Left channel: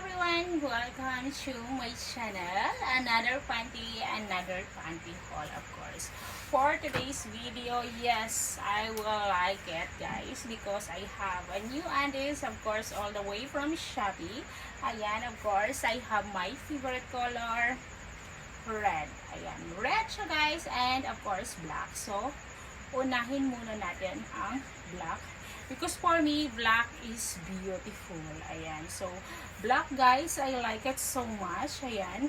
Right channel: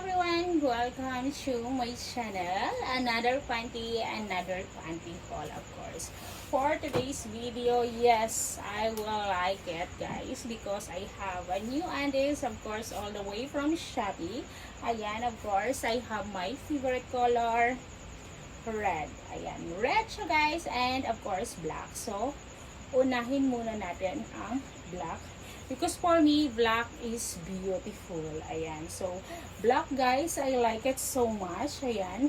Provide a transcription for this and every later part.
everyone, welcome to my channel. Another panty haul, of course. For today's video, yes, I will like it, guys, because I have a new undies, of course, all the way from Shopee. Ayan, of course, I have my favorite color, red. Ayan, red siya, guys, and of course, black. So, unahin muna natin ang black. Because for me, black is beautiful. Ayan. So, black, guys, I like it so much. Ayan.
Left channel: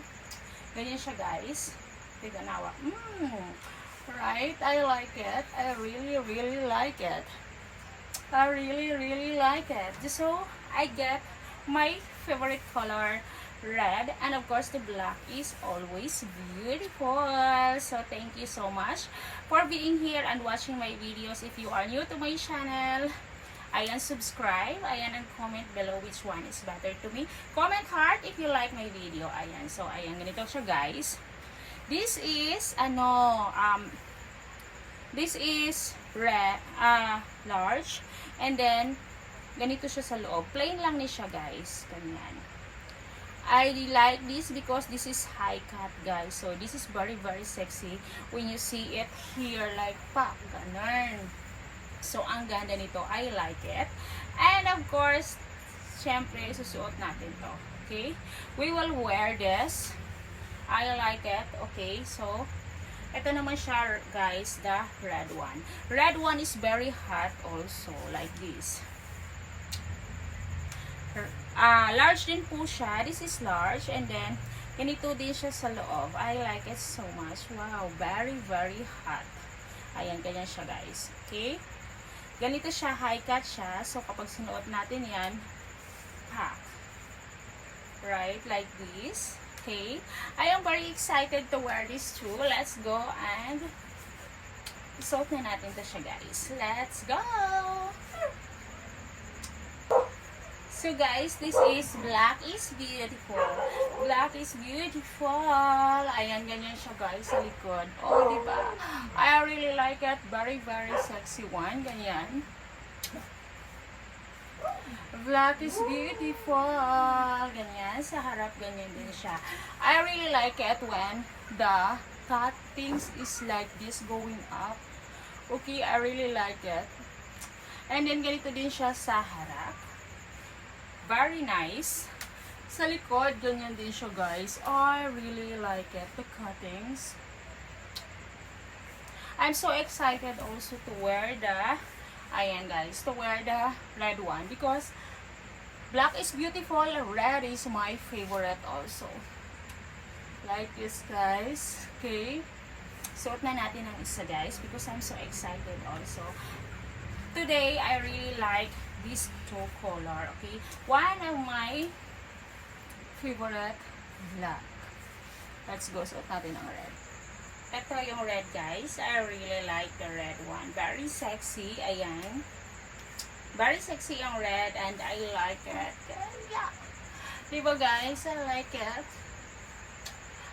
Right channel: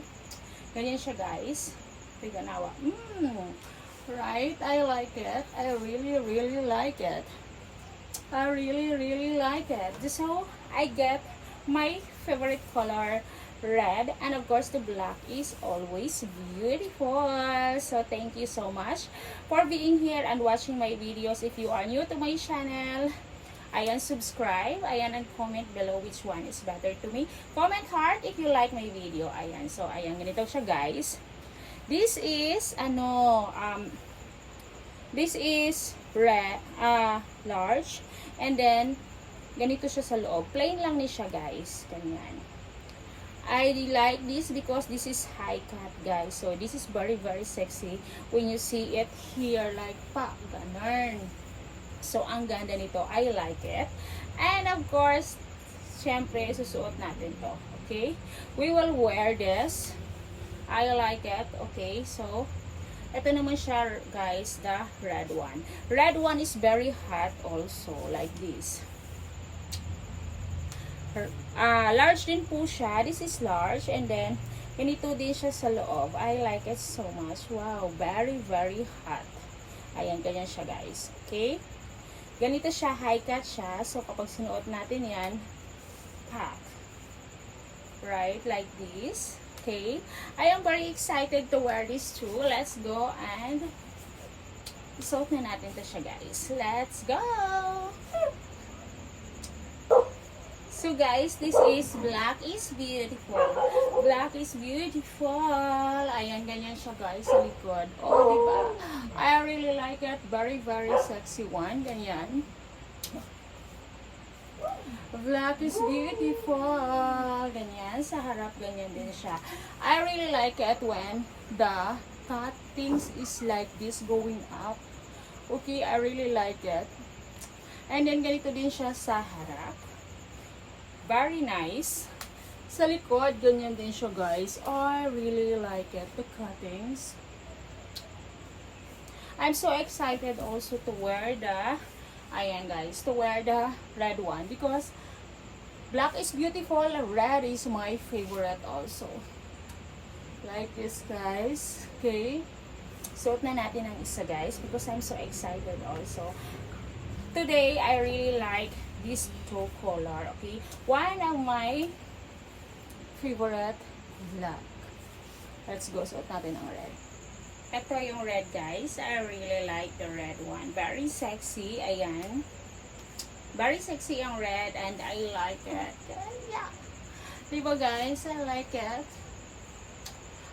Ganyan siya, guys. Tiganawa. Right? I like it. I really, really like it. I really, really like it. So, I get my favorite color, red, and of course the black is always beautiful. So thank you so much for being here and watching my videos. If you are new to my channel, ayan, subscribe, ayan, and comment below which one is better to me. Comment heart if you like my video. Ayan, so ayan, ganito siya, guys. This is this is red, large, and then ganito siya sa loob. Plain lang ni siya, guys. Ganyan. I like this because this is high cut, guys. So this is very, very sexy when you see it here, like pa, ganun. So, ang ganda nito. I like it. And, of course, syempre, susuot natin to. Okay? We will wear this. I like it. Okay? So, ito naman siya, guys, the red one. Red one is very hot also, like this. Large din po siya. This is large. And then, ganito din siya sa loob. I like it so much. Wow. Very, very hot. Ayan, ganyan siya, guys. Okay? Ganito siya, high cut siya. So, kapag sinuot natin yan, pack. Right? Like this. Okay? I am very excited to wear this too. Let's go and isuot na natin to siya, guys. Let's go! So, guys, this is black is beautiful. Black is beautiful. Ayan, ganyan siya, guys, sa likod. Oh, diba? I really like it. Very, very sexy one. Ganyan. Black is beautiful. Ganyan. Sa harap, ganyan din siya. I really like it when the cuttings is like this going up. Okay, I really like it. And then, ganito din siya sa harap. Very nice. Sa likod, ganyan din siya, guys. I really like it. The cuttings. I'm so excited also to wear the, ayan, guys, to wear the red one. Because black is beautiful. Red is my favorite also. Like this, guys. Okay. Suot na natin ang isa, guys. Because I'm so excited also. Today, I really like this two color, okay? One of my favorite, black. Let's go, suot natin ang red. Ito yung red, guys. I really like the red one. Very sexy, ayan. Very sexy yung red and I like it. Yeah. Diba, guys? I like it.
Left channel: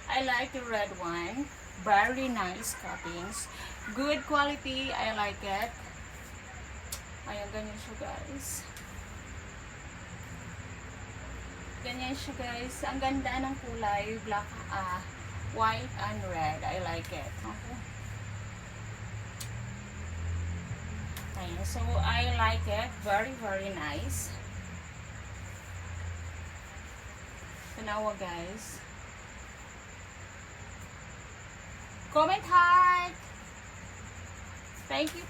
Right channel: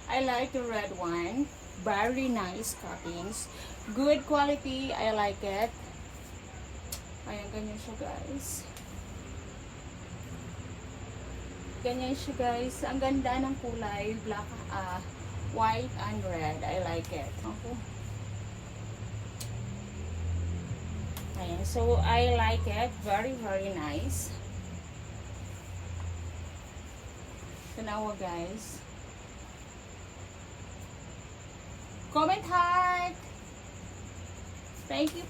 I like the red one. Very nice cuttings. Good quality. I like it. Ayan, ganyan siya, guys. Ganyan siya, guys. Ang ganda ng kulay. Black, white and red. I like it. Okay. Ayan. So, I like it. Very, very nice. Tanawa, guys. Comment heart. Thank you.